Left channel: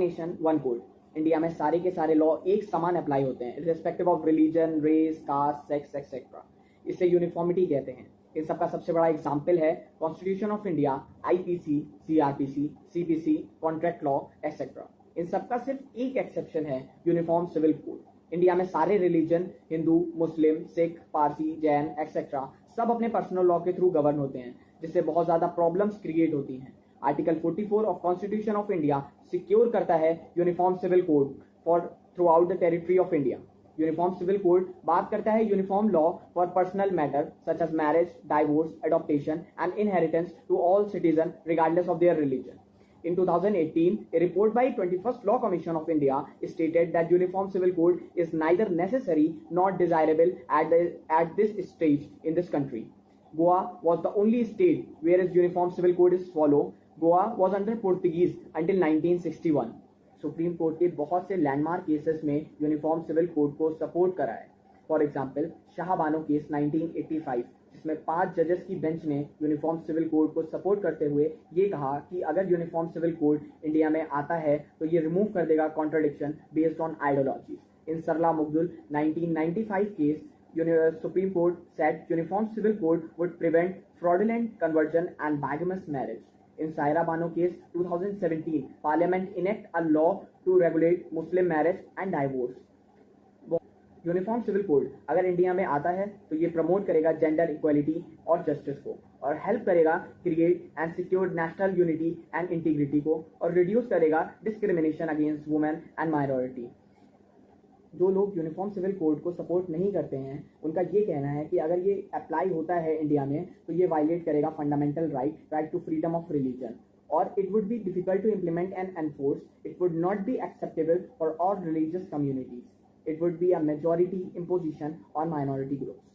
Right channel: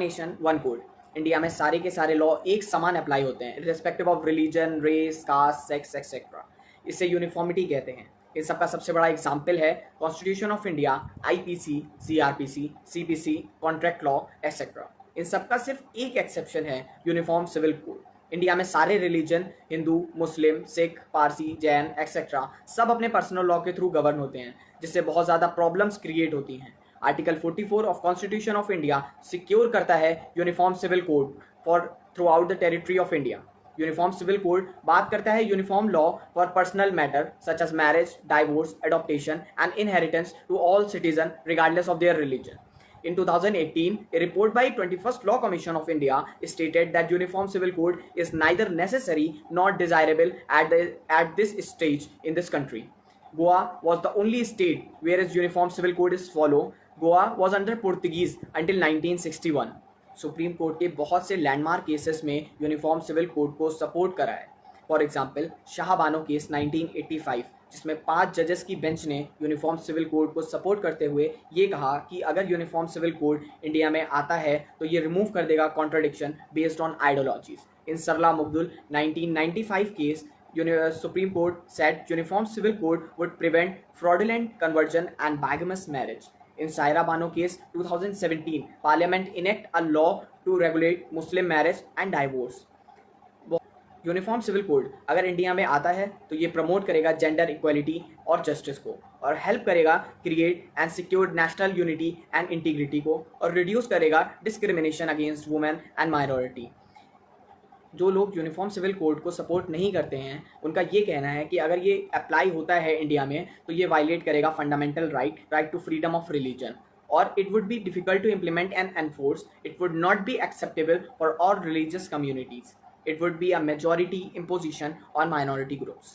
Nation one code. India में सारे के सारे लॉ एक समान अप्लाई होते हैं respective of religion, race, caste, sex etcetera. इसे यूनिफॉर्मिटी कहते हैं। इन सबका सबसे बड़ा एग्जाम्पल है constitution of India, IPC, CrPC, CPC, contract law etcetera. इन सबका सिर्फ एक एक्सेप्शन है, यूनिफॉर्म सिविल कोड। इंडिया में सारे religion, Hindu, Muslim, Sikh, Parsi, Jain etcetera, सब अपने पर्सनल लॉ के थ्रू गवर्न होते हैं, जिससे बहुत ज़्यादा प्रॉब्लम्स क्रिएट होती हैं। Article 44 of constitution of India secure करता है uniform civil code for throughout the territory of India. Uniform civil code बात करता है uniform law for personal matter such as marriage, divorce, adoptation and inheritance to all citizen regardless of their religion. In 2018, a report by 21st Law Commission of India stated that Uniform Civil Code is neither necessary nor desirable at this stage in this country. Goa was the only state where its Uniform Civil Code is followed. Goa was under Portuguese until 1961. Supreme court के बहुत से landmark cases में uniform civil code को support करा है। For example Shah Bano case 1985, जिसमें 5 जजेस की बेंच ने यूनिफॉर्म सिविल कोड को सपोर्ट करते हुए ये कहा कि अगर यूनिफॉर्म सिविल कोड इंडिया में आता है तो ये रिमूव कर देगा contradiction based on ideologies. In Sarla Mudgal 1995 case, Supreme Court said uniform civil code would prevent fraudulent conversion and bigamous marriage. In Saira Bano case 2017, Parliament enact a law to regulate Muslim marriage and divorce. Uniform civil code अगर India में आता है तो ये promote करेगा gender equality और justice को, और हेल्प करेगा create and secure national unity and integrity को, और रिड्यूस करेगा discrimination against women and minority. जो लोग यूनिफॉर्म सिविल कोड को सपोर्ट नहीं करते हैं उनका ये कहना है कि अगर ये अप्लाई होता है इंडिया में तो ये वायलेट करेगा fundamental right to freedom of religion, और it would be difficult to implement and enforce. It would not be acceptable for all religious communities. It would be a majority imposition on minority groups.